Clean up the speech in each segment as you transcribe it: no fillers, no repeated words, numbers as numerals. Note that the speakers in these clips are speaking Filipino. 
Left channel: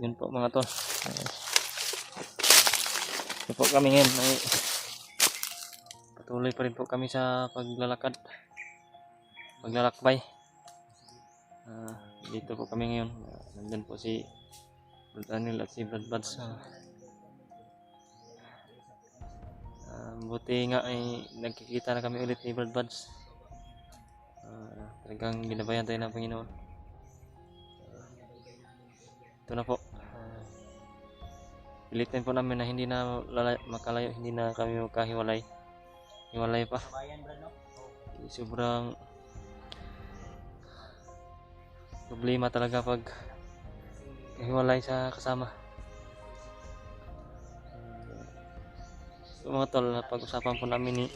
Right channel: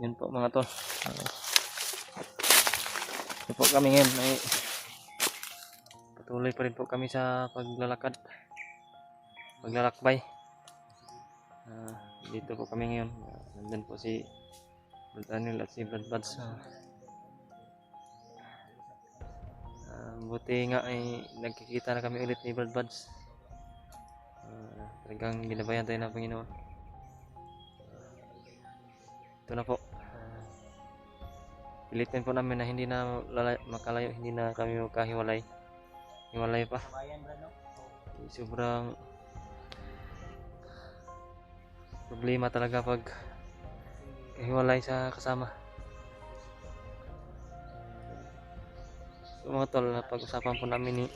Yun po mga tol. Ito po kami ngayon ay patuloy pa rin po kami sa paglalakbay. Dito po kami ngayon. Nandun po si Brad Anil at si Brad Buds. Buti nga ay nagkikita na kami ulit ni Brad Buds. Talagang ginabayan tayo ng Panginoon. Ito na po. Pilitin po namin na hindi na makalayo, hindi na kami magkahiwalay. Hiwalay pa. Sobrang problema talaga pag hiwalay sa kasama. So mga tol, pag-usapan po namin ni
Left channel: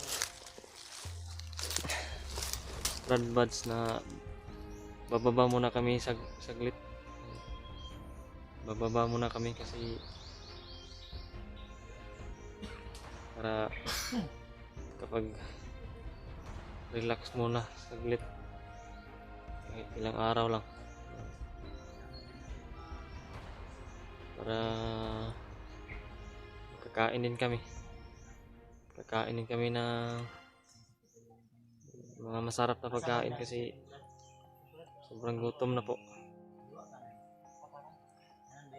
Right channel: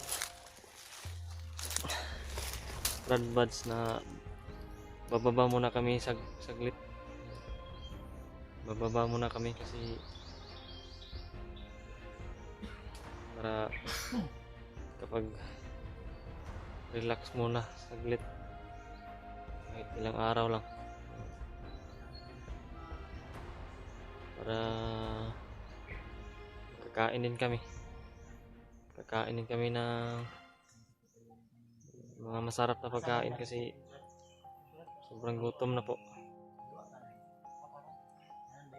Brad Buds na bababa muna kami saglit. Bababa muna kami kasi para kapag relax muna saglit kahit ilang araw lang para kakainin kami ng mga masarap na pagkain kasi sobrang gutom na po.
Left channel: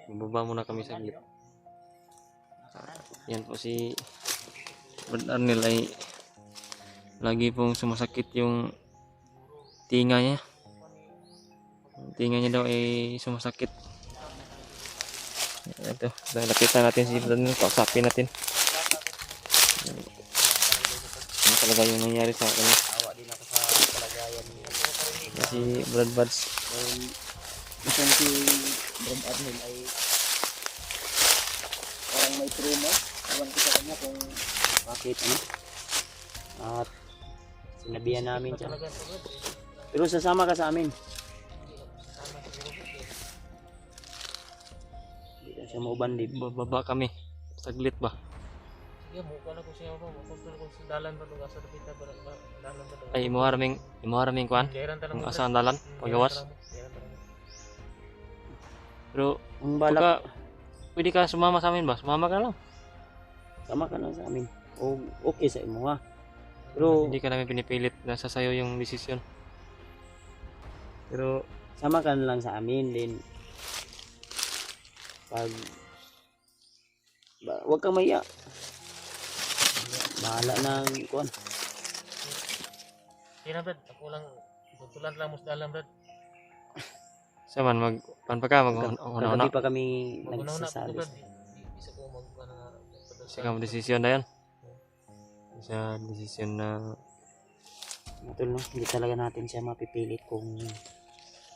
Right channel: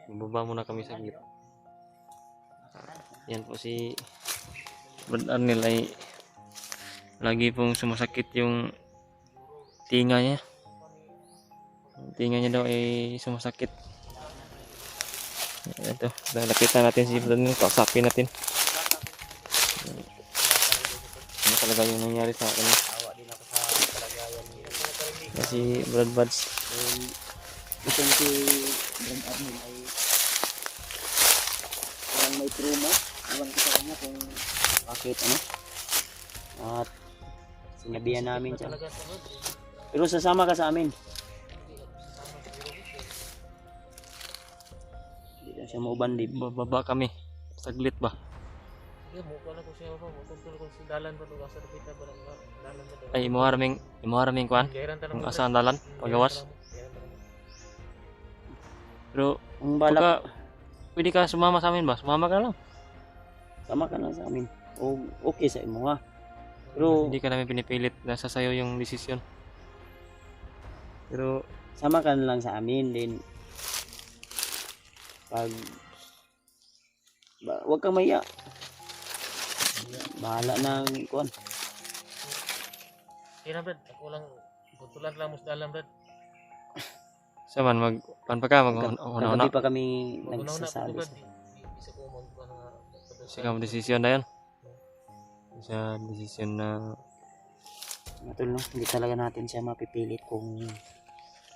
Bababa muna kami saglit. Yan po si Brad Arnel ay lagi pong sumasakit yung tinga niya. Yung tinga niya daw ay sumasakit. Ito, lapitan natin si Brad Arnel, kausapin natin. Ano talaga yung nangyari sa akin? Si Brad Buds. Isang si Brad Arnel ay parang may trauma. Alam ko sa kanya kung bakit at sinabihan namin siya. Pero sasama ka sa amin. Hindi na siya maubandib. Bababa kami. Saglit ba? Sige, mukha na ko siya pa. Mukha ko sa dalan pa doon. Asa napita ba dalan pa doon. Ay, imuharaming kuan? Kung asa ang dalan? Pagawas? Pero, Ang balak, pwede ka sumama sa amin ba? Sumama ka lang. sama ka na sa amin. O okay sa imo ha. Pero Hindi ka namin pinipilit. Nasa sayo yung desisyon. Pero, sama ka na lang sa amin din. Pag huwag kang maya. Bahala na kuan. Sige na, Brad. Ako lang. Tutulan lang mo sa dalan, Brad. siya man, panpa ka, mag-una-una. Kagabi pa kami Mag-una-una po, nagsasabi. Brad. Bisa ko mag-una nga. Siya ang desisyon na yan. Siya desisyon na Matul, no? Hindi talaga natin siya mapipilit kung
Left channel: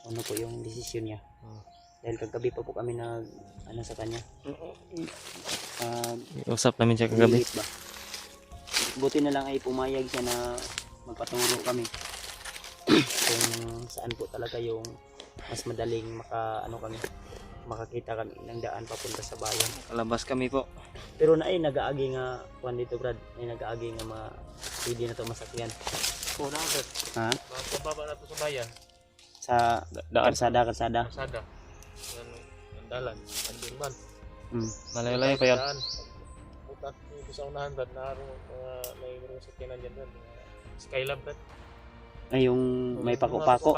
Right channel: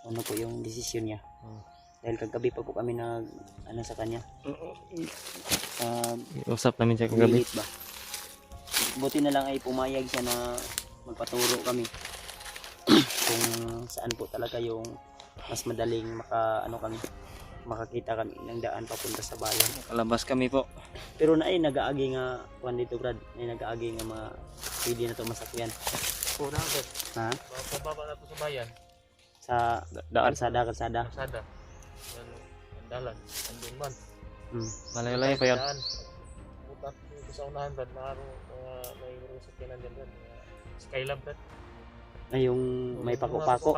ano po yung desisyon niya. Dahil kagabi pa po kami sa kanya. usap namin siya kagabi. Pilit ba? Buti na lang ay pumayag siya na magpaturo kami kung saan po talaga yung mas madaling makakita kami ng daan papunta sa bayan. Kalabas kami po. Pero nag-aagi nga kuan dito, Brad. Nag-aagi nga mga pwede na ito masakyan. Kuna, Brad. Ha? Mapababa na ito sa bayan. Sa Daan. kalsada. Kalsada. Ang dalan. Andun man. Malayo-layo pa yan. Butat dito sa unahan, Brad. May sakyanan dyan, Brad. Skylab, Brad. Ay, yung may pako-pako.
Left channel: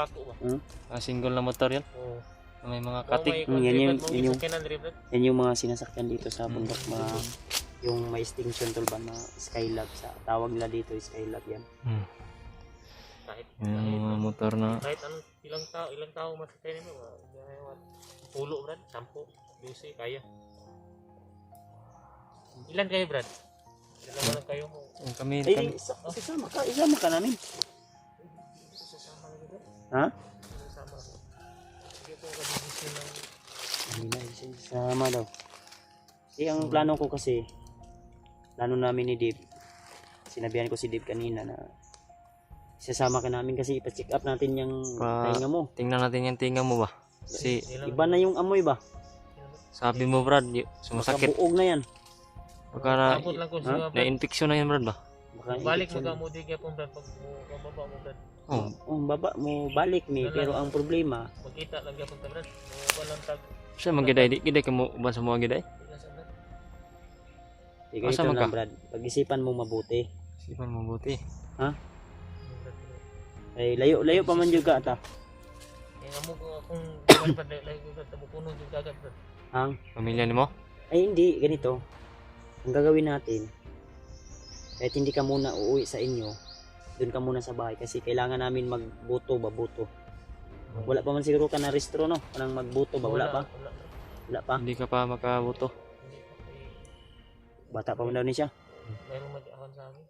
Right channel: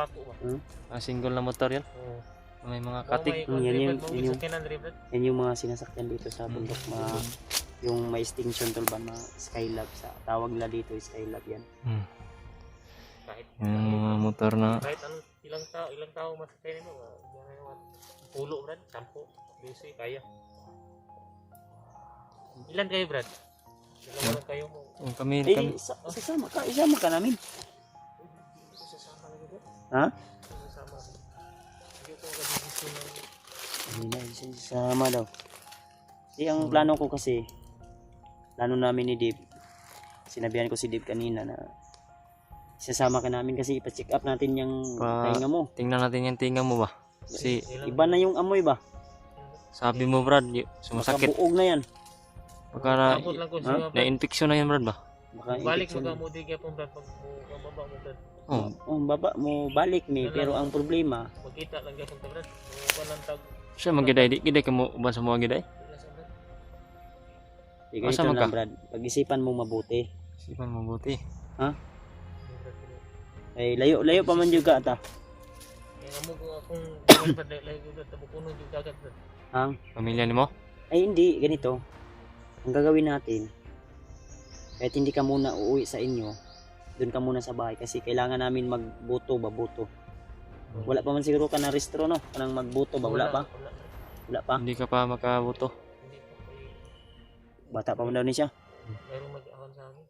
Single na motor yan. Oo. May mga katik. Yan yung sakyanan rin, Brad. yan yung mga sinasakyan dito sa bundok. Yung may extinction tool ba na Skylab. Tawag nila dito Skylab yan. Kahit Yung mga motor na kahit anong ilang tao masakyan mo, pulo, Brad, 10, 12, kaya. Ilan kayo, Brad? Dalawa lang kayo mo. yung kami. Isama ka namin. Sasama lang, Brad. Ha? Sasama. Sige po, kabibisi ng... Hindi na, isama daw. Kasi ang plano ko kasi, plano namin ni Dave, sinabihan ko si Dave kanina na isasama ka namin kasi ipa-check up natin yung tinga mo. Tingnan natin yung tinga mo ba? Kasi Iba na yung amoy ba? sabi mo Brad, sumasakit. Buog na yan. Baka Abot lang ko siya, Brad. na-infection na yan Brad ba? Balik mo ka mo di kaya pong, Brad, pag baba mo, Brad. Oh. Baba mo balik ni, pero ang problema, Magkita lang kaya pong, Brad. Walang tag Siya magiday di giday kamo uban sa mga giday. Wala sa Brad. Ikaw Asa ito man ka? lang Brad. Pag-isipan mo mabuti. Sipan mabuti. Yung Brad, pero Ay layo pa man jud ka ta. kaya amo ko akong buwan Brad, lahi ko Brad, tabukunon yung dagat Brad. Ang Pamilya nimo? ay hindi ganito. Ang gagawin natin kahit hindi ka muna uuwi sa inyo, doon ka muna sa bahay kasi kailangan namin magbuto babuto. Wala pa man siguro ka na restro no? Kanang magbuto ba? Wala pa? Wala Brad. Wala pa. Hindi ka pa makabuto. Hindi pa kay Bata pa man daw ni siya. mayroong mag-awan sa akin.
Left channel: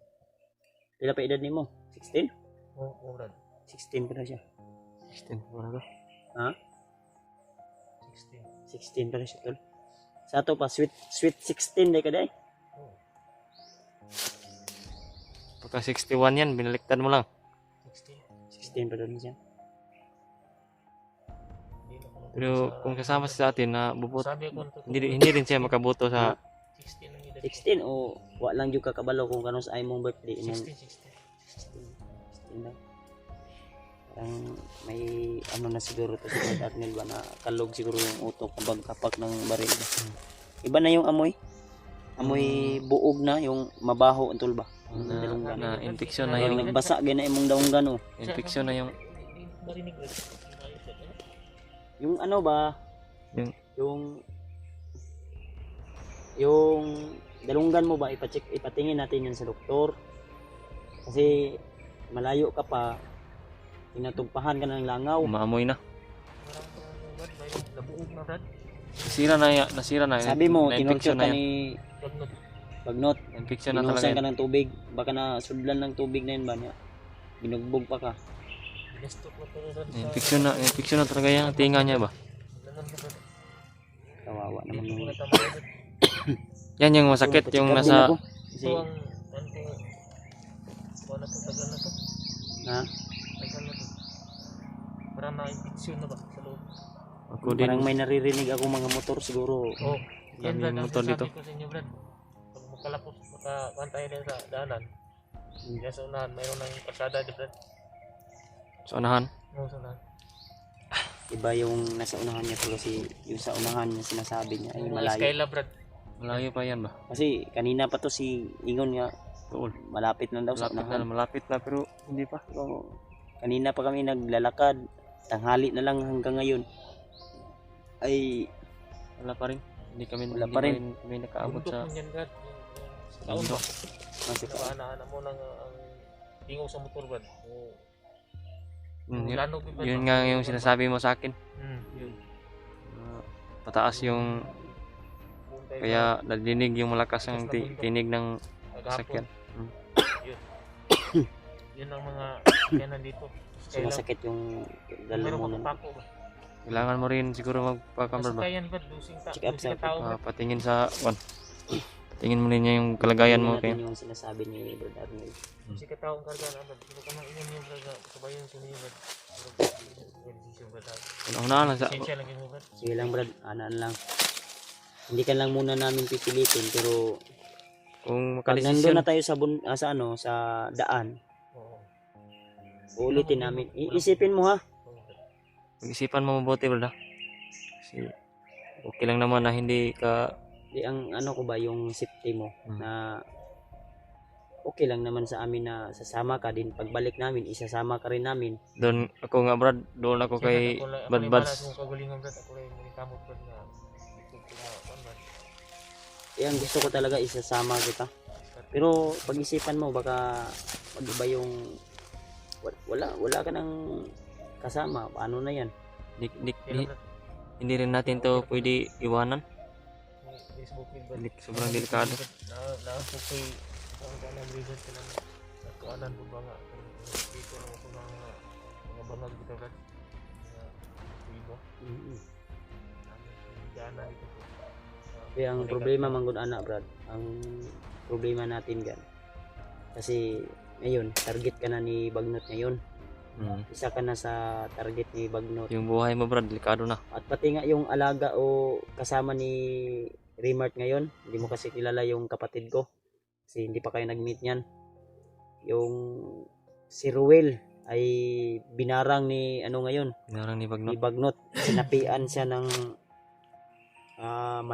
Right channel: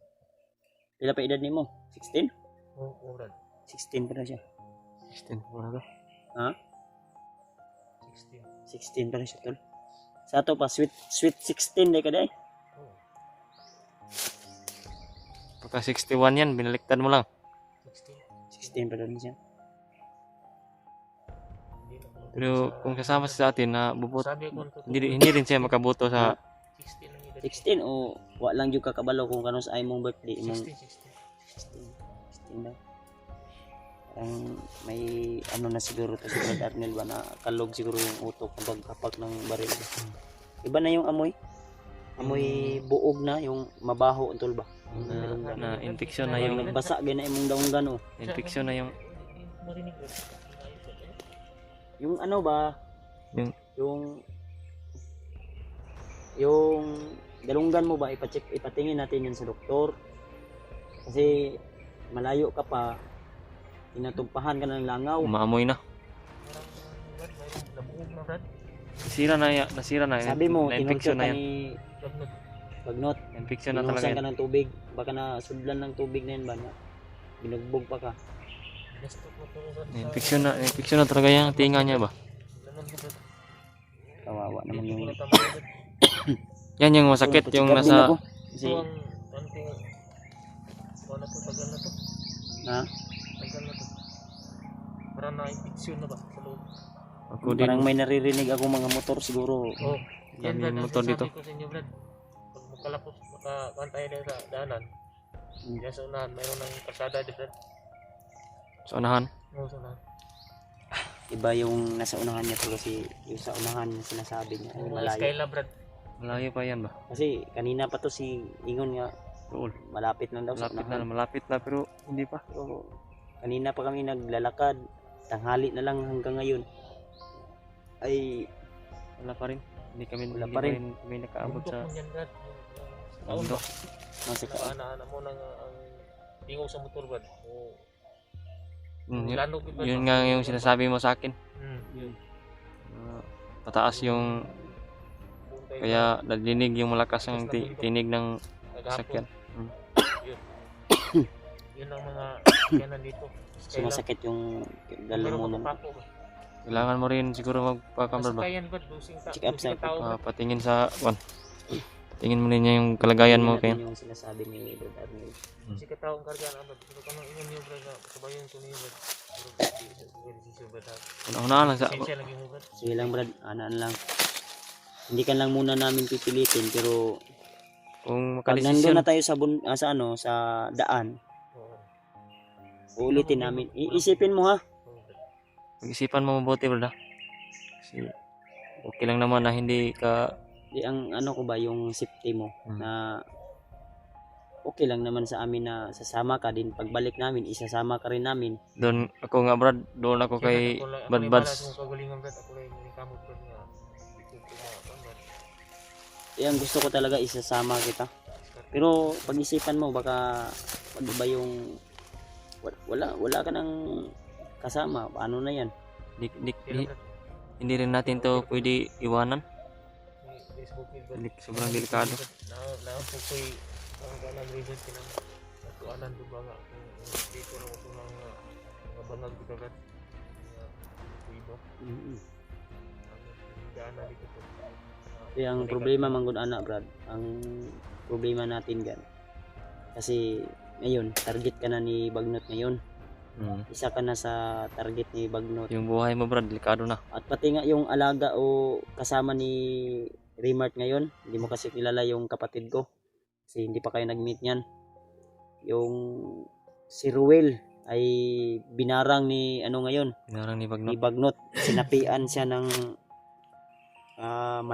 Pila pa edad nimo? 16? Oo Brad. 16 pa na siya. 16 wala ka. Ha? 16. 16 pa na siya tol. Sa ato pa sweet 16 day ka day. Oo. Pagka 61 yan, binaliktad mo lang. 16. 16 pa daw ni siya. Hindi na ako Pero kung kasama siya sa atin na bubuto, sabi ko hindi rin siya makabuto sa 16 ang edad. 16 o wa lang jud ka kabalo kung kanus ay mong birthday imong 16. 16 daw. Parang may ano na siguro to si Brad Arnel ba na kalog siguro yung utok kapag ng baril ba. Iba na yung amoy. Amoy buog na yung mabaho antol ba. na infeksyon na Yung yung basa gyud na imong daunggan oh. infeksyon na yung Hindi marinig Brad. Yung ano ba? Yung- Yung dalunggan mo ba ipatingin natin yun sa doktor. Kasi malayo ka pa tinatugpahan ka ng langaw. umaamoy na. Parang Brad, mayroong nabuog na Brad. Nasira na. Sabi mo na tinurture infeksyon ka na yan. ni Bagnot. Bagnot. Infeksyon na talaga Inusan ka yan. ng tubig. Baka na sudlan ng tubig na yun ba niya. Binugbog pa ka. Gusto ko to Brad. Infeksyon na talaga yung tinga niya ba? Lanan ko Brad. Kawawa naman Dito ko yung... na tama Brad. Yan yung masakit yung Check up din nasa ako. Kasi, Ito ang ano ko. Kuha na to, tagal na to. na, Tagal na to. Parang na-infeksyon na ba sa loob? ako din. parang may naririnig ako mga motor siguro. Oo. Yan Yan Brad, yung ang motor sinasabi dito. ko sa inyo Brad. Pag makalapos, makakantay na sa daanan. Diyan sa unahan, mayroon ng kalsada di Brad. Sa unahan. Oo, sa unahan. Iba yung nasa unahan niya pero si yung sa unahan niya sinasabi niya ay Yung malayo. Skyla Brad. Malayo pa yan ba? Kasi kanina pa to si Ingon nga Tuol. malapit na daw sa unahan. Malapit na pero hindi pa. Oo. Kanina pa kami naglalakad. Tanghali na lang hanggang ngayon. Ay, Wala pa rin. Hindi Wala hindi pa pa rin. rin kami nakaabot sa Bundok man yan Brad. Yung bundok. nasa nakaanaan mo ng ang tingog sa motor Brad. Oo. Yun, Lano Brad. yun nga yung sinasabi mo sa akin. Yun. Pataas yung Puntay kaya nadinig yung malakas ang tinig ng maghapon. sakyan. Yun ang mga kanan dito. Skyla. sumasakit yung Meron lalamunan. mapapako ba? Kailangan mo rin siguro magpa-camera ba? Masakayan Brad. Dusing Check up sa- tao Brad. Patingin sa tingin mo rin yung kalagayan mo Tingnan kay natin yung sinasabi ni Brad Arnel. Kasi katao ang karga na Brad. Pero kamang ingon niyo Brad. Kabayan ko niyo Brad. Pero Brad. una lang sa Sensya lagi mo Brad. Sige lang Brad, anaan lang. Hindi ka lang muna namin pipilitin pero kung pag nandun makadesisyon. na tayo sa, sa ano sa daan, Oo. uulitin namin. Iisipin mo ha. Oo, Brad. Pag-isipan mo mabuti wala. Kasi okay lang naman na hindi ka Di ang ano ko ba yung safety mo Hmm. na okay lang naman sa amin na sasama ka din pagbalik namin isasama ka rin namin. doon ako nga Brad, doon ako kay Bad Buds. Ako kagalingan Brad. Ako rin kamot Brad nga. Ito ko nga. Brad. Yan gusto ko talaga isasama kita. Pero pag-isipan mo baka ano ba yung wala ka nang kasama. Paano na yan? Pero Brad. Hindi rin natin to pwede iwanan. May Facebook ni Brad. Sobrang delikado. Naapos ko'y ang kanang reason ka naman. Natuanan po ba nga. Kung dito lang ako mga bangag dito Brad. Mga iba. Mm-hmm. Ang gana dito po. Kaya ang problema manggod anak Brad, ang problema natin gan. Kasi ngayon, target ka na ni Bagnot ngayon. Isa ka na sa target ni Bagnot. Yung buhay mo Brad, delikado na. At pati nga yung alaga o kasama ni Remart ngayon, hindi mo kasi kilala yung kapatid ko. Kasi hindi pa kayo nag-meet niyan. Yung si Ruel ay binarang ni ano ngayon, Narang ni ni Bagnot. Bagnot. Sinapian siya ng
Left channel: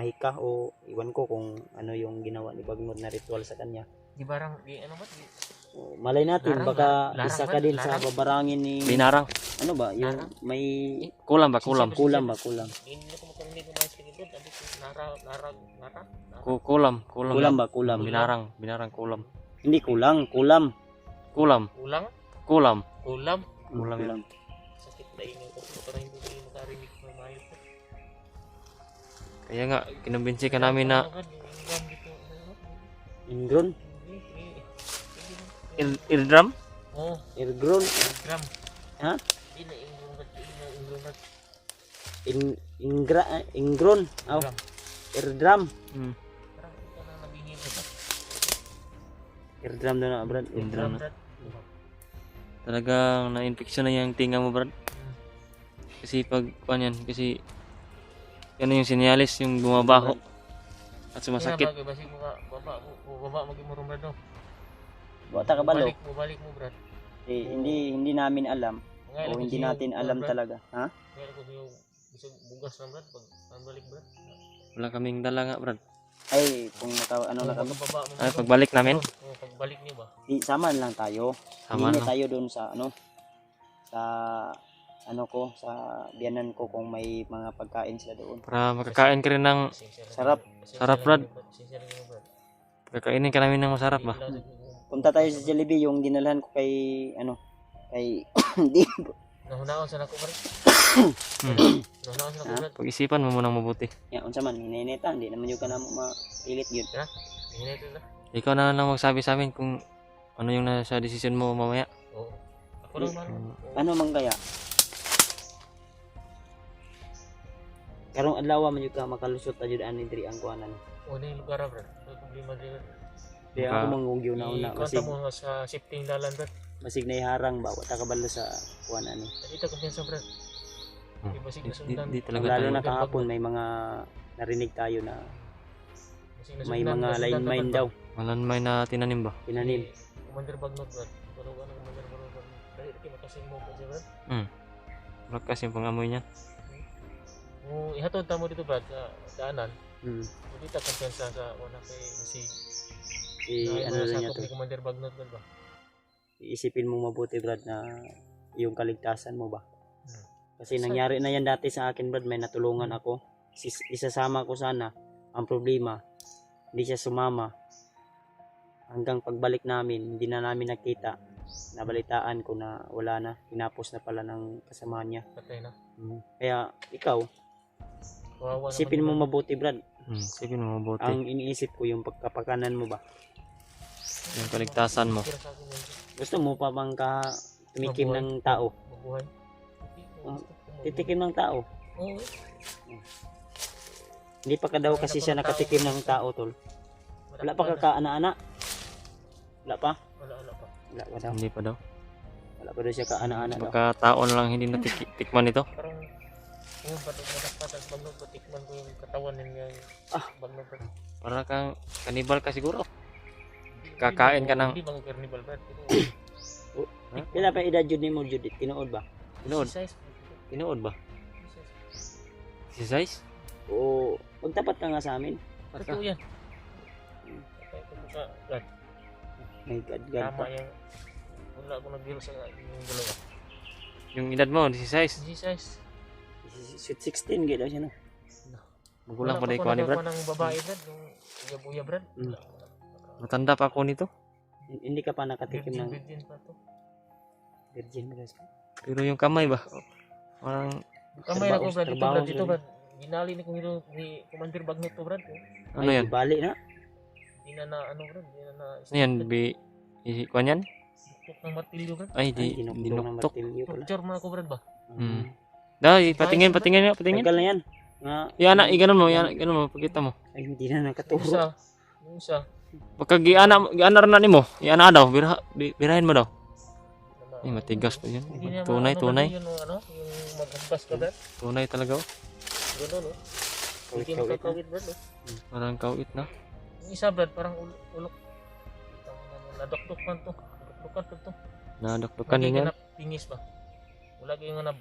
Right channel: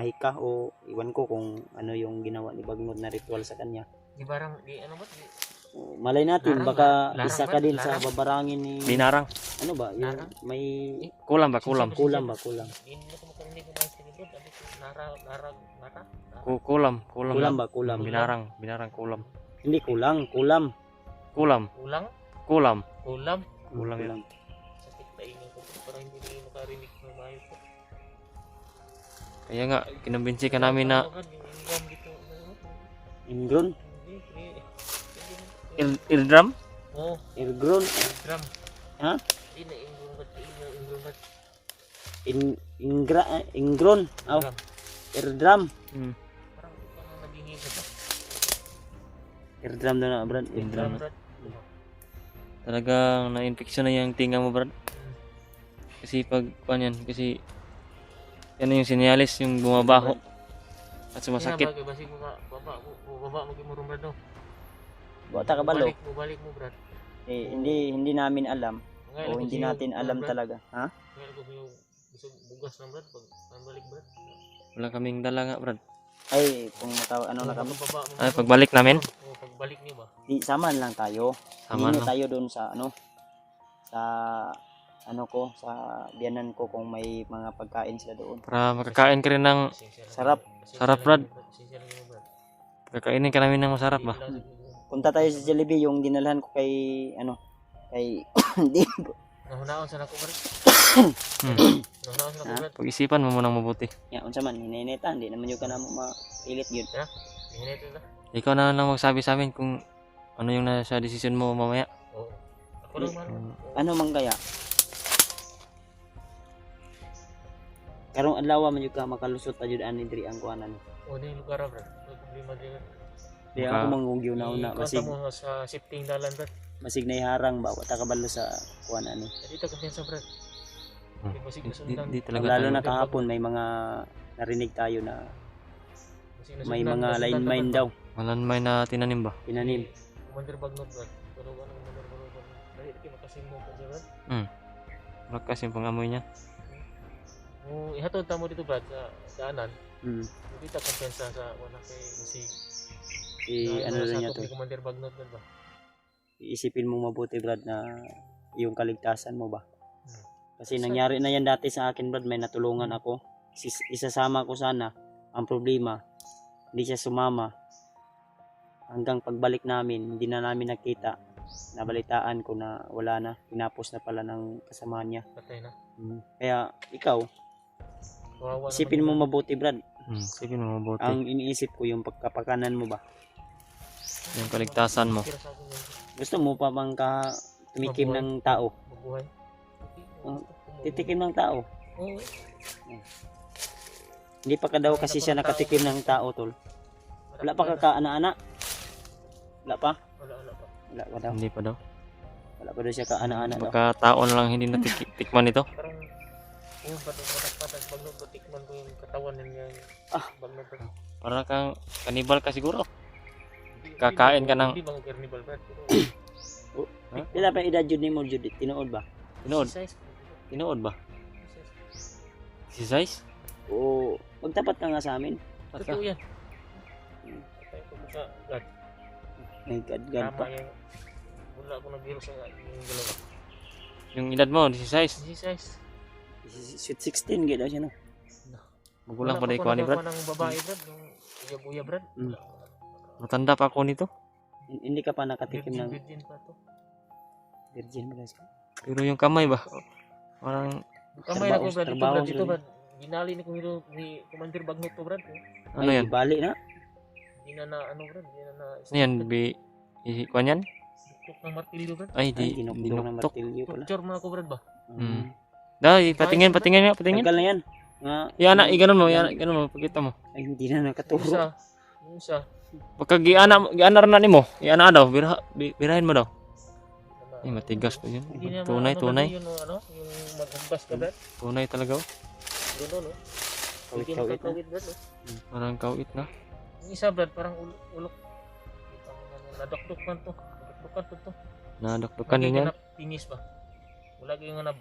mahika o iwan ko kung ano yung ginawa ni Bagnod na ritual sa kanya. Di barang, di ano ba? Di, O, malay natin, Larang, baka larang isa ba? ka din sa Larang? babarangin ni, Binarang. ano ba, yung Larang? may Kulam ba? Kulam. kulam ba, kulam. hindi na ko makarinig ng mga sige doon. Sabi ko, nara. Kulam. Kulam. Kulam ba, kulam. Binarang. Binarang kulam. Hindi kulang, kulam. Kulam. Kulang? Kulam. Kulam? Kulam yan. Sakit na ingin ko. Pero hindi ko makarinig ng maayos ko. Kaya nga, kinumbinsi ka namin na Yung ingram dito. Ingron, Ildram? Oo, Irgron, ingram. ha? Hindi na ingram ba? Ingram ba? Ingron, aw, Ingram. Irdram. Hmm. Parang ito na nabingin ko ba? Irdram na na, Brad. Ingram. Brad. Talagang na-infection na yung tinga mo, Brad. Hmm. Kasi pag, yan, kasi yan yung sinyalis, yung bumabaho at sumasakit. Kaya basig mo ka, baba mo mo Brad no. Bata ka balo. Balik mo Brad. Eh, hindi namin alam. Ngayon O hindi natin alam talaga. Ha? Ngayon ko yung bisog bugas na Brad pag balik Brad. Wala kaming dala nga, Brad. Ay, kung ano na kami. Pagkababa mo. Ay, pagbalik namin, Oo, pagbalik niyo ba? Di, samahan lang tayo. sama Hindi na. tayo doon sa ano, sa ano ko, sa biyanan ko kung may mga pagkain sila doon. Para makakain ka rin ng, Sarap. Sarap, Brad. Sincerely mo Brad. kakainin ka namin ng masarap ba? Punta tayo sa Jollibee, yung dinalhan ko kay, ano, kay, hindi, Nahunaon sa nako Brad. Hmm. Nahunaon sa nako Brad. Pag-isipan mo munang mabuti. yan, unsa man, hinay-neta, hindi naman yung ka na mailit yun. Hinay ito na. Ikaw na lang magsabi sa amin kung ano yung nasa desisyon mo mamaya. Oo. Ako lang man. Ano man kaya? Karong adlaw man yung ka makalusot ajud ani diri ang kuanan. O na yung lugar Brad. May problema din. Di Maka- ako manggugyo na una, Ikwanta mo sa shifting dalan Brad. masig na iharang ba, wata kabalo sa kuanan ni. Dito kumpiyansa Brad. Hmm. Di basig Di, na sundan. di talaga Lalo tayo. na kahapon may mga narinig tayo na Basig na may sundan, mga nasundan line na, mine Brad. daw, Malanmay na tinanim ba? pinanim. Commander Bagnot Brad. Pero ano Commander Bagnot. Dahil ito makasim mo pa siya Brad. Malakas yung pangamoy niya. Kung ihatod tamo dito Brad sa daanan. Hmm. Hindi ta kumpiyansa sa wala kay si Ano rin niya sakop to. ni Commander Bagnot Brad ba? Iisipin mo mabuti Brad na yung kaligtasan mo ba. Hmm. Kasi nangyari na yan dati sa akin Brad, may natulungan ako. Isasama ko sana. Ang problema, hindi siya sumama. Hanggang pagbalik namin, hindi na namin nakita. Nabalitaan ko na wala na. Tinapos na pala ng kasama niya. Patay na. Kaya ikaw, Kawawa isipin mo naman mabuti Brad. Sipin mo mabuti. Ang iniisip ko yung pagkapakanan mo ba. Yung kaligtasan mo. Tira sa akin yan. Gusto mo pa bang tumikim Mabuhay. ng tao? Mabuhay. Titikim ng tao. Oo. Hindi pa ka daw Ay, kasi naku, siya ng tao. nakatikim ng tao tol. Wala pa ka kaana-ana? Wala pa? Wala pa. Wala pa daw. Hindi pa daw. Wala pa daw siya kaana-ana daw. Baka taon lang hindi natitikman ito. Parang yung patas Bagnot batikman ko yung katawan niya Bagnot Brad. Para kang kanibal ka siguro. Kakain ka ng- Hindi ba ko carnival Brad? Pila pa edad jud nimo jud tinuod ba? Tinood. Size. Tinood ba? Si size? O magtapat ka nga sa amin. Totoo yan. Patay ko sa God. My God, God. Tama yung wala ako nagbiro sa yung dalawa. Yung edad mo, si size. Si size. Sweet 16 gid daw siya no. Magulang pa Wala na ikaw ni Brad. ng babae Brad. Yung buya Brad. Mm. Matanda pa ako nito. Hindi ka pa nakatikim ng Virgin pa to. virgin mo guys. Pero yung kamay ba? Parang Kamay na ko Brad. Dito Trabaho Brad. Dito sila. Brad. Ginali ni kong hero ni Commander Bagnot to Brad. ano yan? Bali na. Di na ano Brad. Di na Ano yan? Kuan yan? Duktok ng martilyo Brad. Ay, Ay, dinuktok. martilyo pala. Torture mo na ko Brad ba? Hmm. Dahil, patingin nga, patingin. Tagal na yan. Nga, Iana, iganon mo, pagkita mo. ay hindi na nakaturo. Yung isa. Pagka giana rin na nimo, iana daw, birahin mo daw. Ay, matigas pa yun. Hindi na Tunay, ano, tunay. Yung ano, yung maghugas ka Brad. Tunay talaga. Oh. Gano'n no. Hindi Kawit-kawit makakawit Brad. No? Parang kawit na. Yung isa Brad parang ulok. Nadokdok man to. Nadokdokan to. Nadakdukan din yan. Pingis ba? Wala kayong nga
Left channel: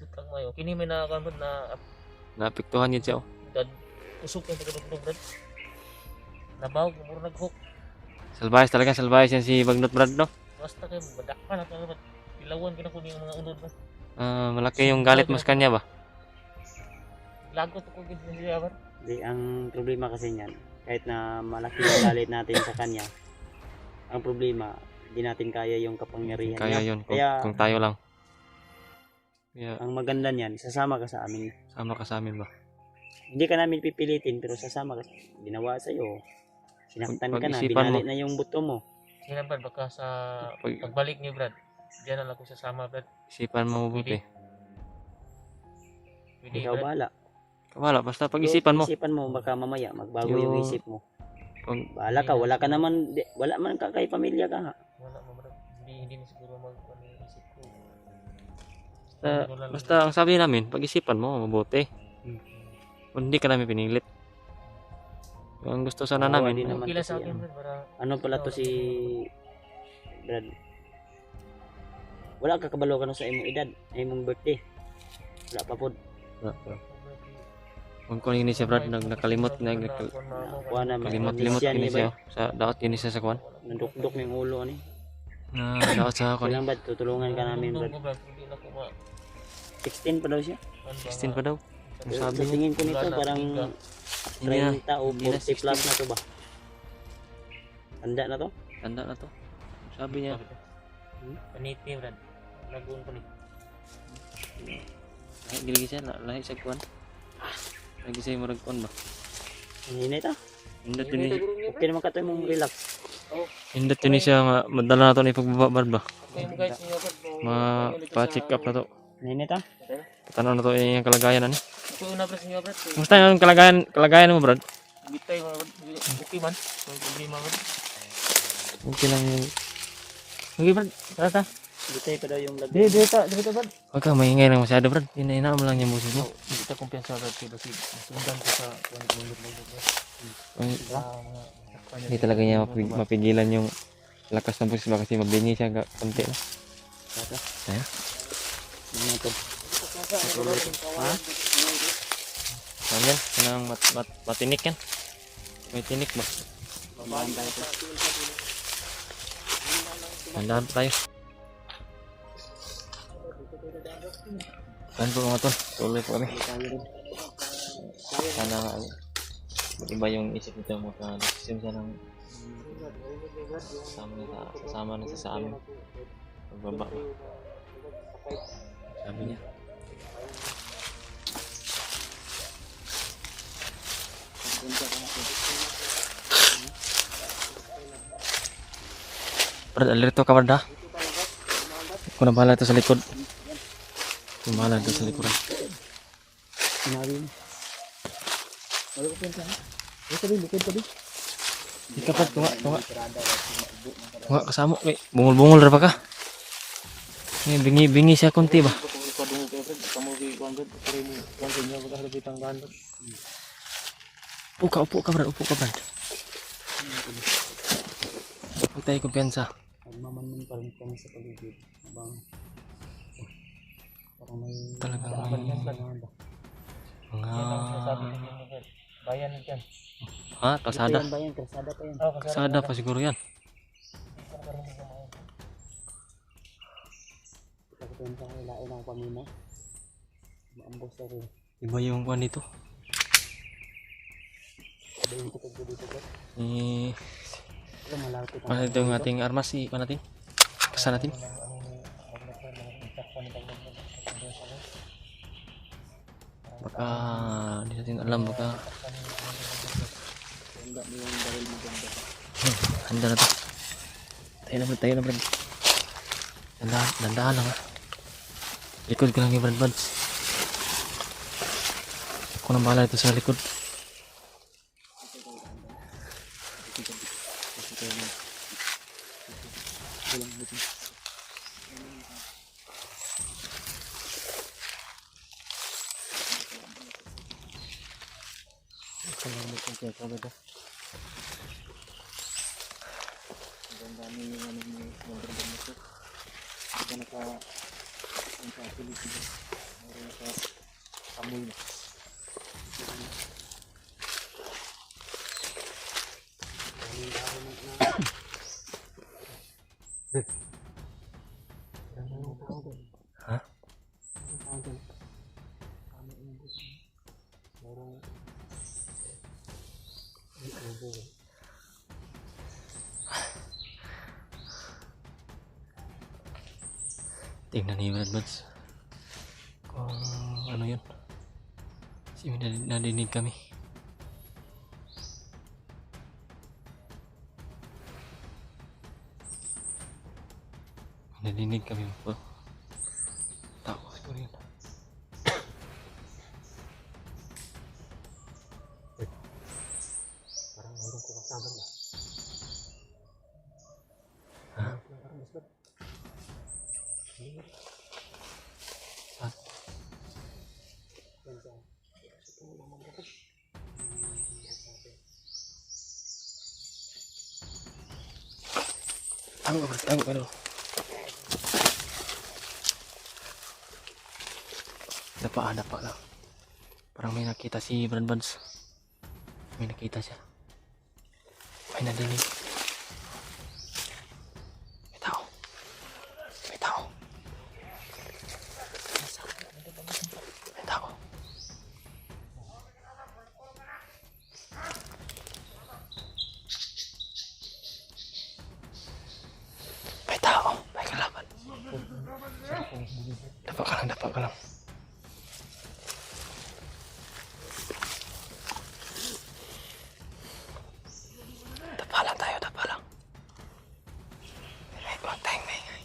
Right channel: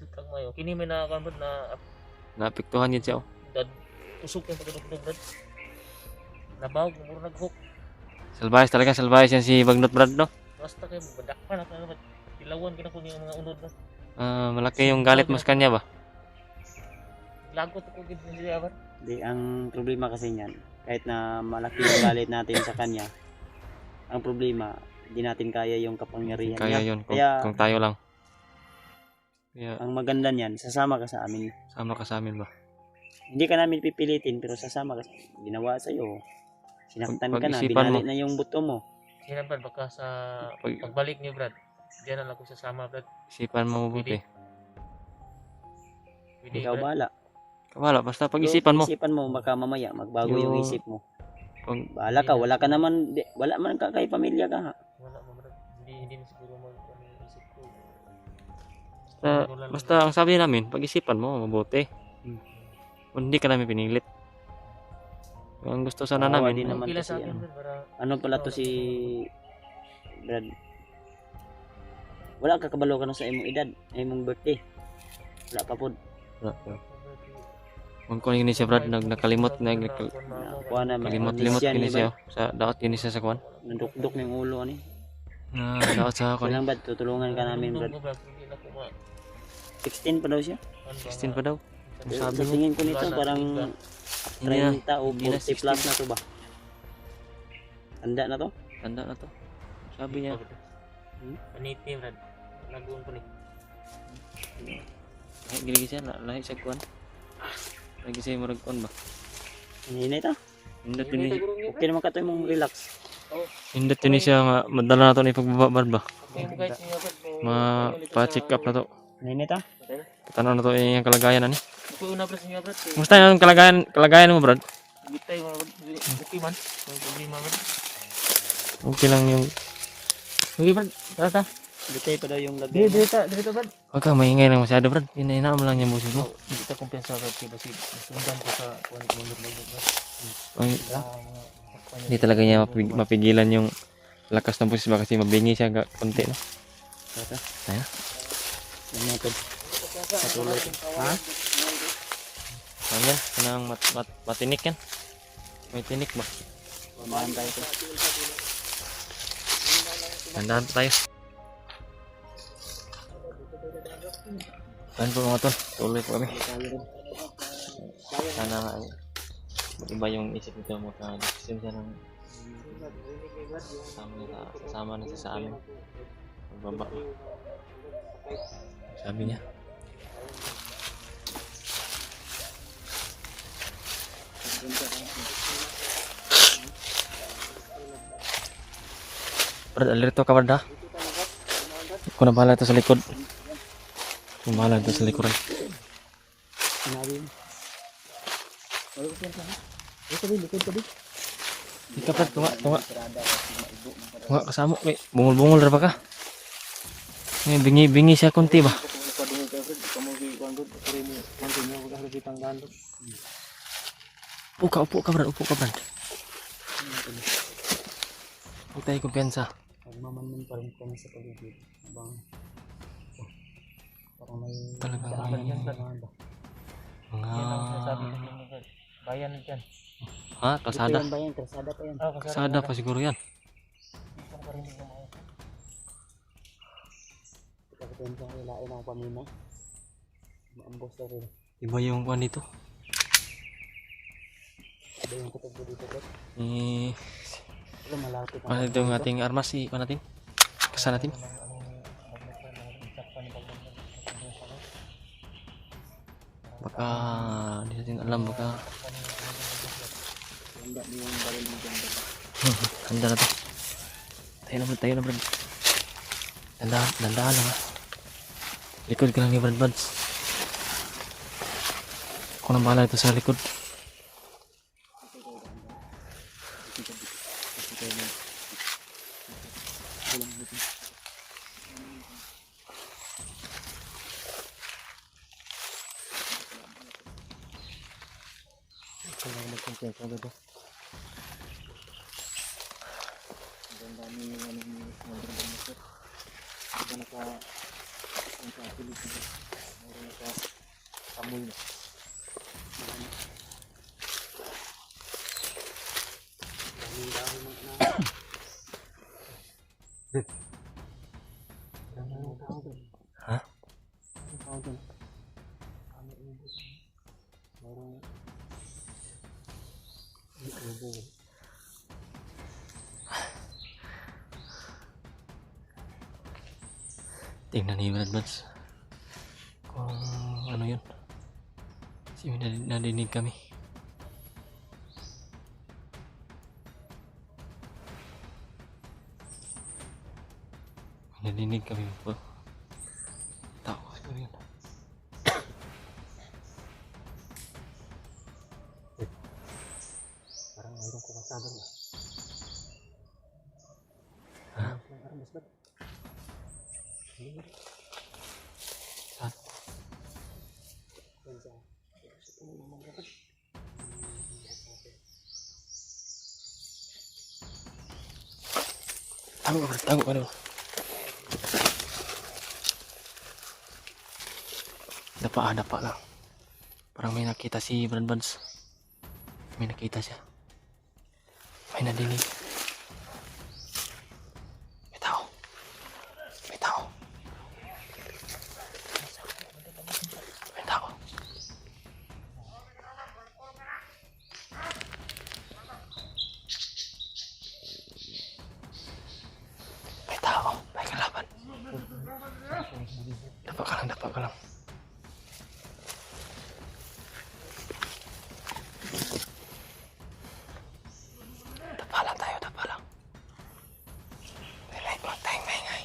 dutang mayo. Kini may nakakan Brad na Naapektuhan yun siya. Oh. dad usok yung pagkadugtog brad. Nabaw, muro nag-hook. Salbayas talaga, salbayas yan si Bagnot Brad, no? Basta kayo, badakpan na kayo. Ilawan ka na kung yung mga unod mo. Malaki yung galit mo sa kanya ba? Lagot ako gid na siya bar. Di, ang problema kasi niyan, kahit na malaki yung galit natin sa kanya, ang problema, hindi natin kaya yung kapangyarihan Kaya niya. yun, Kaya, kung tayo lang. Kaya, ang maganda niyan, sasama ka sa amin. sama ka sa amin ba? Hindi ka namin pipilitin, pero sasama ka. Ginawa sa'yo. Sinaktan ka na, Pag-isipan mo. binali na yung buto mo. Sige na brad, baka sa Pag- pagbalik niyo brad. Diyan na lang ako sasama brad. Isipan mo mabuti. Pwede Ikaw brad. bahala. Wala, basta pag-isipan mo. Isipan mo, baka mamaya magbago yung Yung- isip mo. Pag, Bahala ka, wala ka naman, wala man ka kay pamilya ka ha. Wala mo brad. Hindi na siguro ano yung isip ko. basta ang sabi namin, pag-isipan mo mabuti. Hmm. Kung hindi ka namin pinilit. Ang gusto sana Oo, namin, hindi naman Okay lang sa kasi akin ano. brad para Ano pala to si Brad? Wala ka kabalo ka na sa imong edad, imong birthday. Wala pa pod. kung kuha yun siya Brad, nakalimot, Kuha na kalimot yun siya. Sa daot yun siya sa kuwan. Nandukdok ng ulo ni. Na daot sa kuwan. Kailan ba tutulungan ka namin Brad? Hindi na ko ma 16 pa daw siya. 16 pa daw. Ang sabi Sa mo. tingin ko nito parang Hindi na. 30 o Hindi na 40 plus na to ba? Handa na to? Tanda na to. Ang sabi niya. Paniti brad. Lagun pa ni. Lahi giligi siya, lahi siya kuwan. Lagi siya murag kuwan ba? Hinay ta. Hindot yun Okay naman ka to mong relax. Hindot yun siya nga, madala na to ni pagbababad ba? Okay mo guys niyo brad. Ma-check up na to. Hinay ta. Tanaw na to yung kalagayan ani. Ako una brad niyo brad. Kumusta yung kalagayan mo Brad? Bitay mo brad. Okay man. Hindi man brad. Okay lang yung... Sige Brad, tara ta. Butay pa daw yung lag. Dito brad. Huwag ka maingay lang masyado Brad. Hinahinaan mo lang yung boses mo. Hindi ta kumpiyansa brad kay basig. Sundan ko sa kuan ko brad. Ay, hindi talaga niya mapigilan yung lakas ng boses ba kasi mabingi siya konti no? Tayo? Ano to? Ano yan? Kanang matinik yan? May tinik ba? Tandaan pa tayo. Saan po mga tol? Tuloy po kami. Sana nga iba yung isip nito mo sa decision siya ng kasama na siya sa amin. Pagbaba ba? Sabi niya. Brad, alerto ka Brad ha? Ako na bahala ito sa likod. Ako na bahala ito sa likod. Sinabi mo. Ika Brad, tunga. Tunga kasama. May bungol-bungol ra ba ka? May bingi siya konti ba? Upo ka Brad. Upo tayo kumpiyansa. Magmamanman pa rin kami sa paligid. Habang parang may Talagang Yan ang sinasabi mga... ko din brad. Bayan diyan. Ha? Kasada? Ito yan ba yan? Kalsada pa yan. Kasada pa siguro yan. Kasi kung saan ilain ang pamina. Maambos na rin. Iba yung kuwan dito. Iba yung tukog ko dito. Eh, Ito malapit. ano ito yung ating armas? Ipan natin? Kasa natin? Baka hindi natin alam baka handa na to. Tayo na Brad. Dandahan lang ha. Likod ka lang ni Brad. Ako nang bahala ito sa likod. Ha? Tingnan ni Brad Buds kung ano yun. Kasi may nadinig kami. Nadinig kami po. Tao siguro yun. Parang mayroon ko kasama na. Ha? Parang mas bad. Saan? Yan sa tumulong mga kapag. Tago ka daw. Dapa lang. Parang may nakita si Brad Buds. May nakita siya. May nadinig. May tao. May tao. May tao. May tao. May kalaban. Dapa ka lang. Dapa lang. Huwag tayong maingay.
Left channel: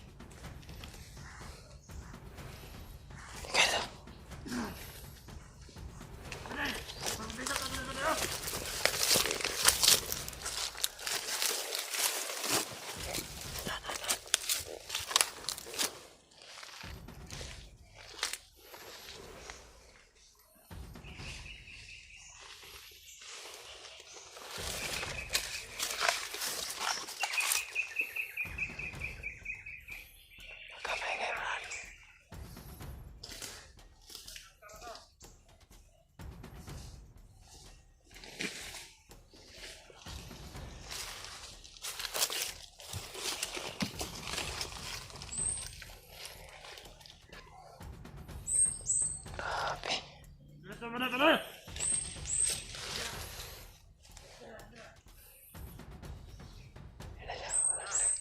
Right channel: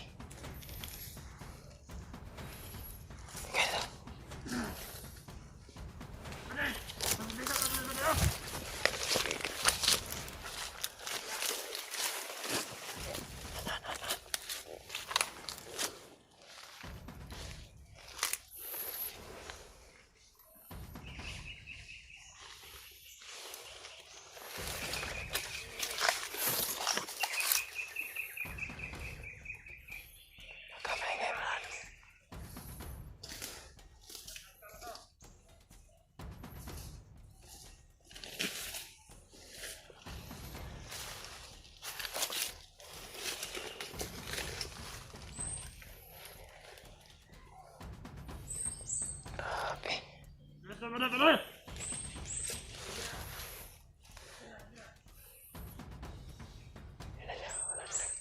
Kaya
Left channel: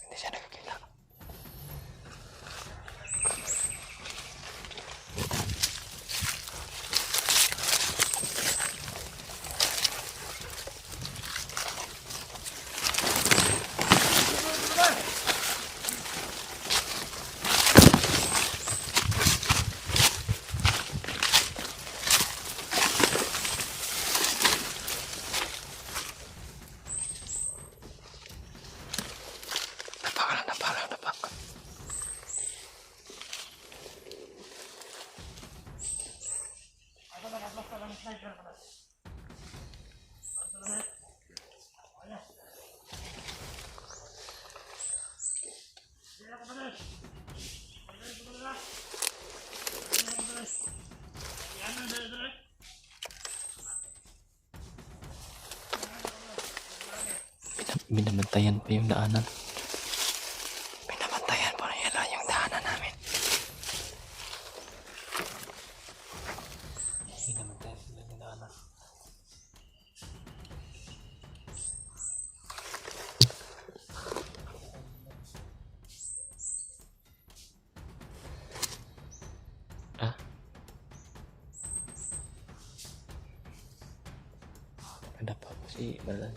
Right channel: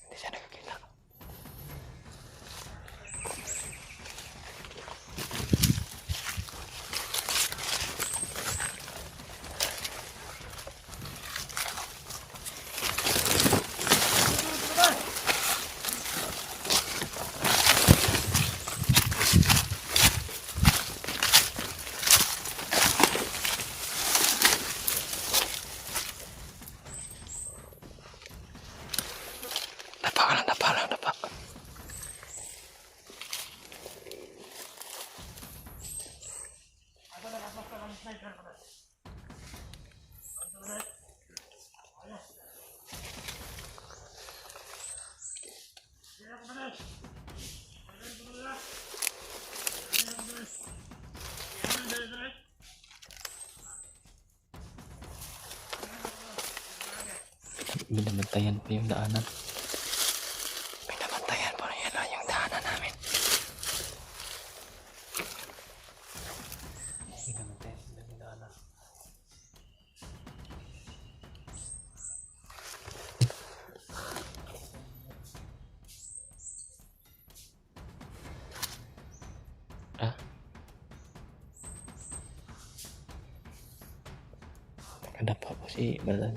hindi siya nakakita. Dapa lang. Binabantayan pa yung daanan. Binabantayan pa nila yung daanan namin. Binabantayan sila yung daanan. Ah? Nakadapa po si Brad.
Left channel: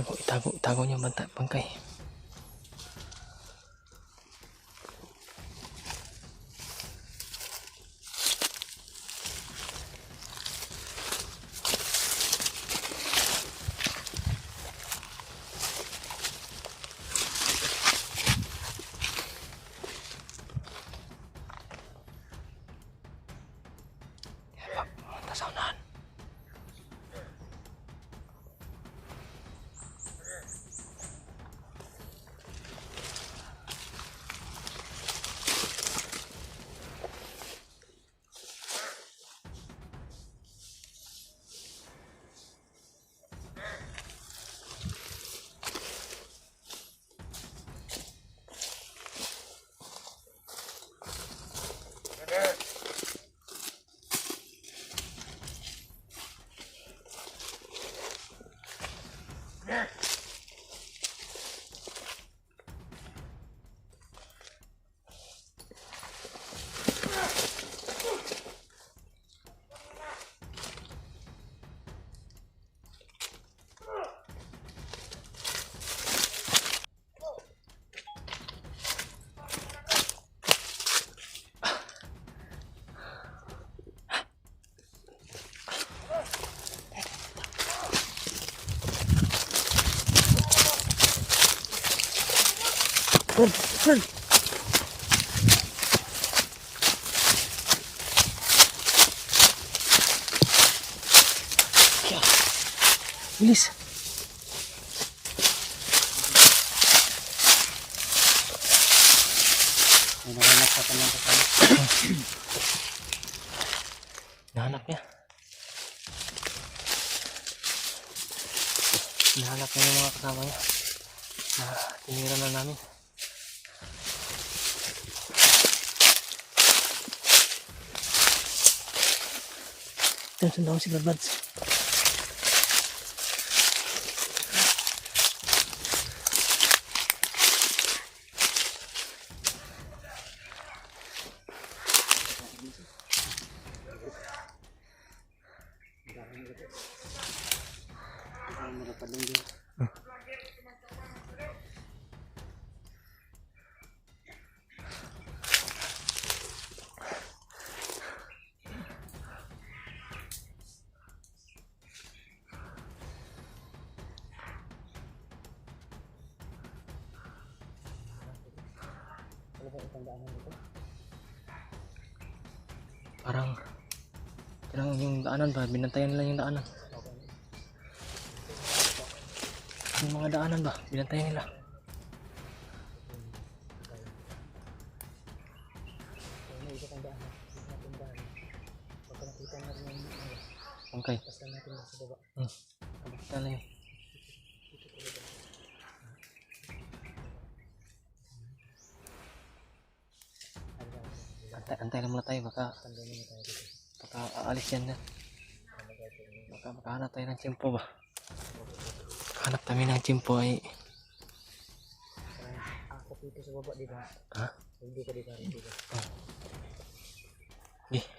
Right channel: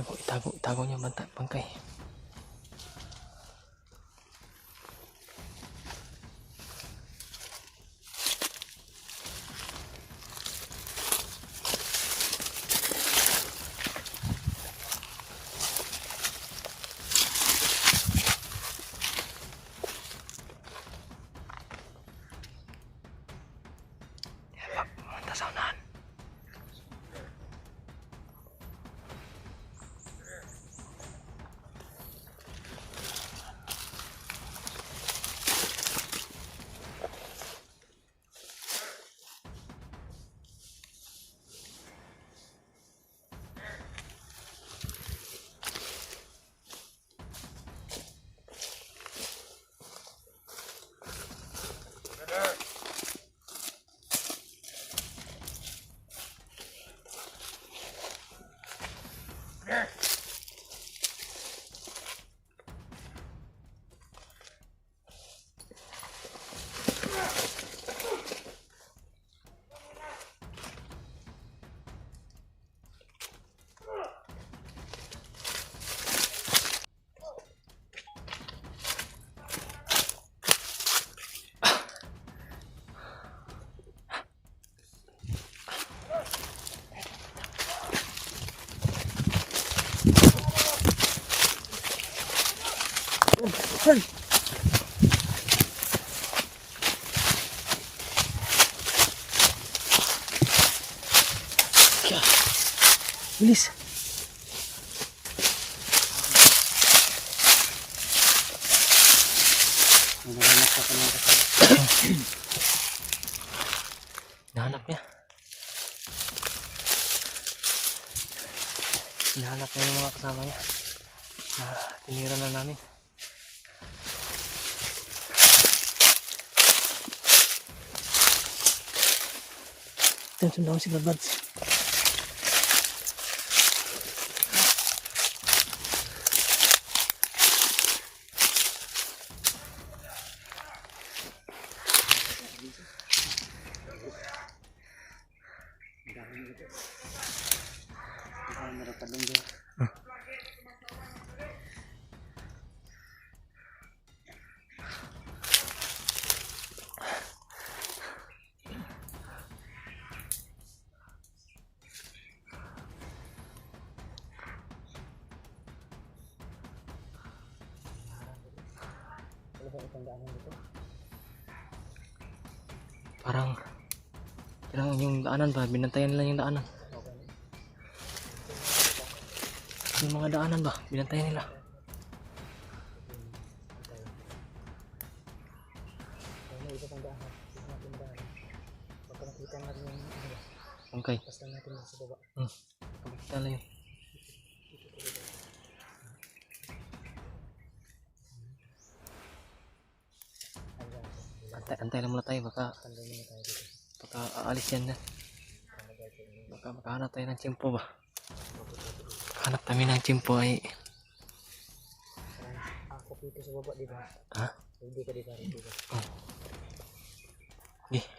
Itago niyo bangkay. Manta sa unahan. Run! Bilis! May nakanak sa kanyang kasama. Hinahanap niya. Hinahanap niya yung mga kasama niya. Tinira na namin. Sundan ako si Brad. Parang yung daanan ba, binantayan nila yung daanan. Yung mga daanan ba, binantayan nila. Okay. Kamakita lang yun. Antay lang muna tayo, baka aalis yan. Baka makahanap tayo ng tiyempo ba. Hanap kami ng tiyempo ay. Ako dito sa baba, di ba? Ha? Hindi ka dito.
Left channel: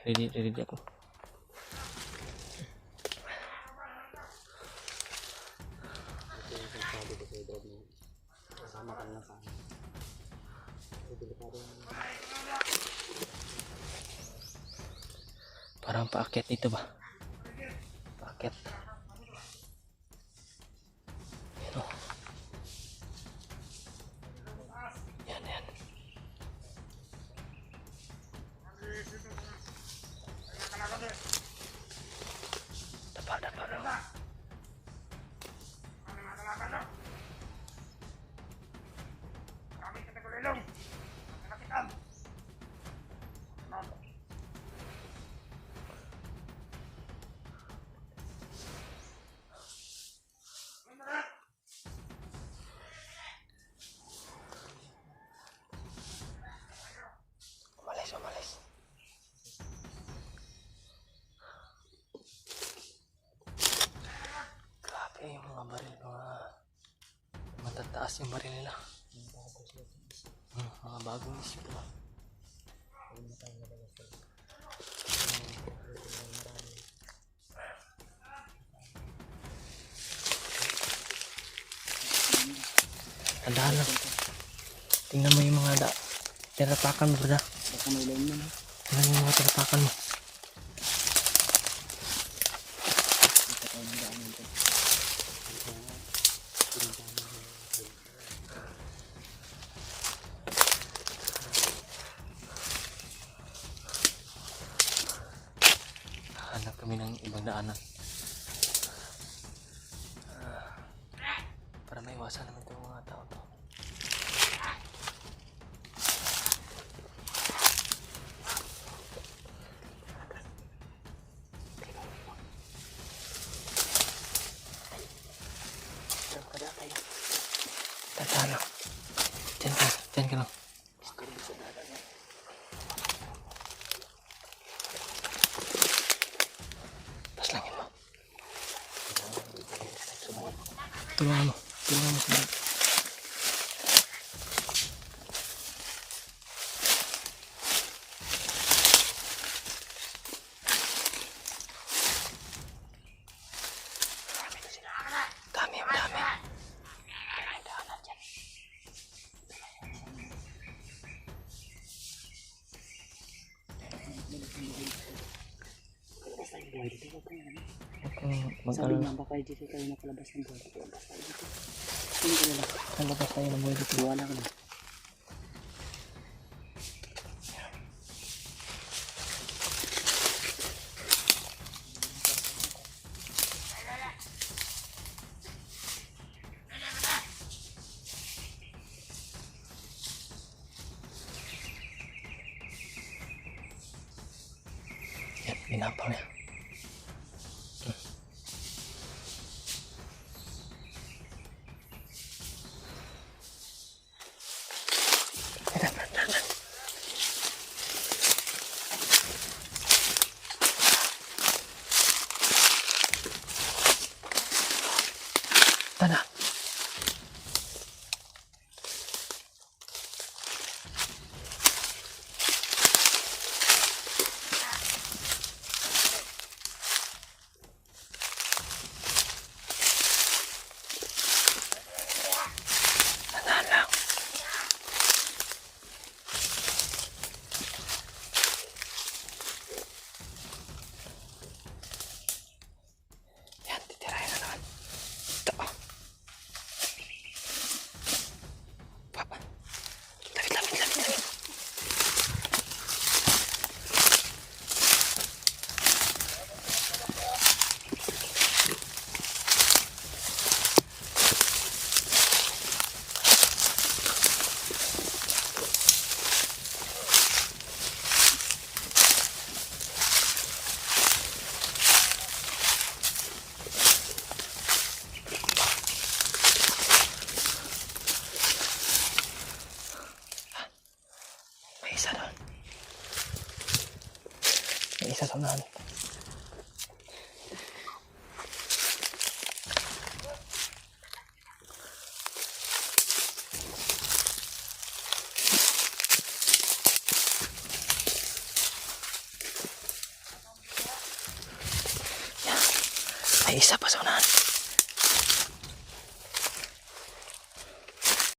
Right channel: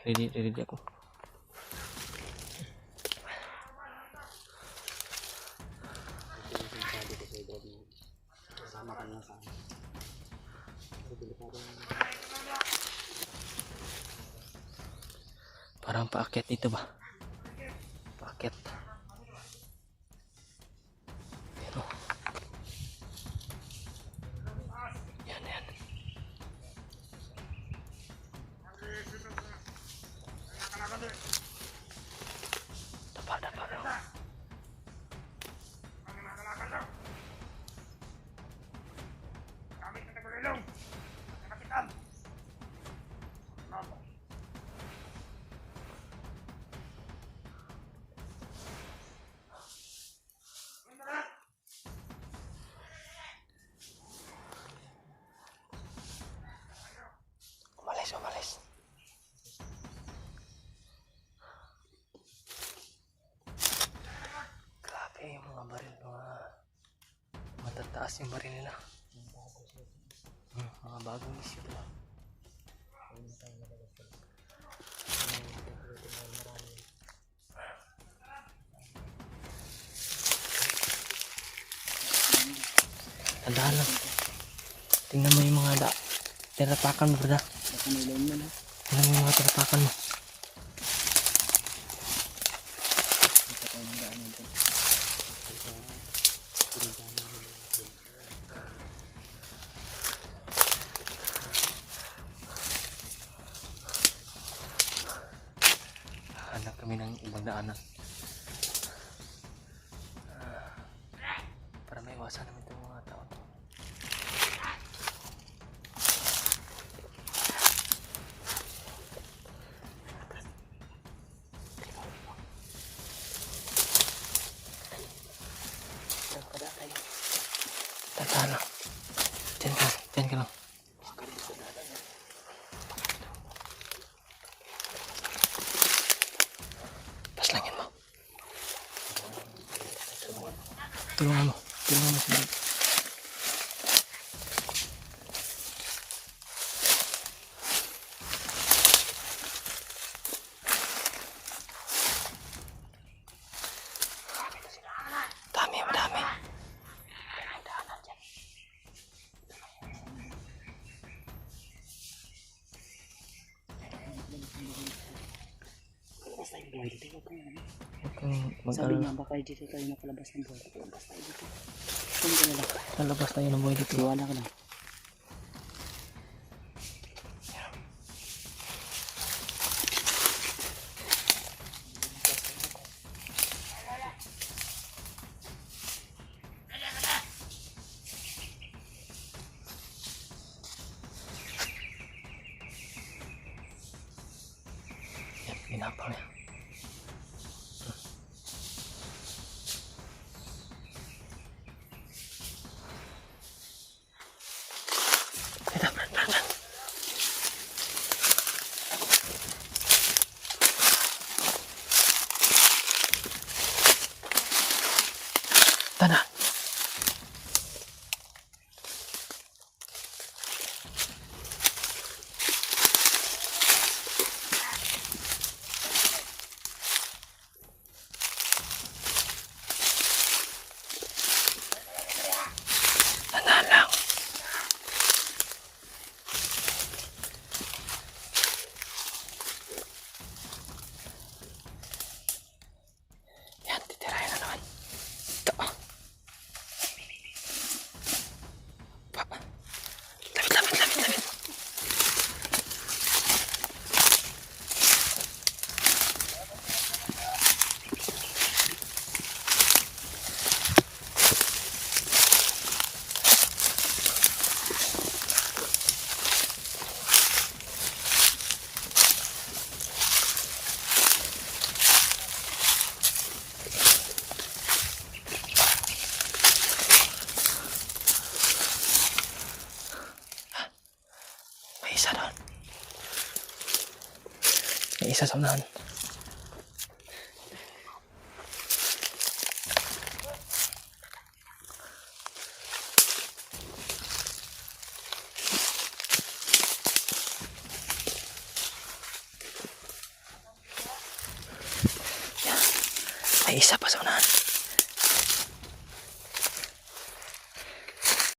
Ready ako. Kasama ka lang sa akin. Parang paakyat dito ba? Paakyat. Yan o. Yan. Dapa daw. Umalis. Grabe yung mga baril, matataas yung baril nila. Mga bagong isyo ito ba? Tandaan lang. Tingnan mo yung mga tinapakan mo, brada. Baka may ilaw mo na. Tingnan mo yung mga tinapakan mo. Ito tayo ng daan nito. Hanap kami ng ibang daanan. Para maiwasan namin itong mga tao to. Tandaan lang. Diyan ka lang. Paslangin mo. Tulungan mo. Tulungan mo si Brad. Dami. Huwag kang Sabi mag-alala. niya, baka dito tayo nakalabas ng buhay. Labas tayo dito. Saan ka na lang? Lalabas tayo ng buhay dito. Tiwala ka lang. Yan, ginapang niya. Tana. Tandaan lang. Yan, titirahin na naman. Ito. Papa. Lapit. May isa doon. May isa sa unahan. Yan. May isa pa sa unahan.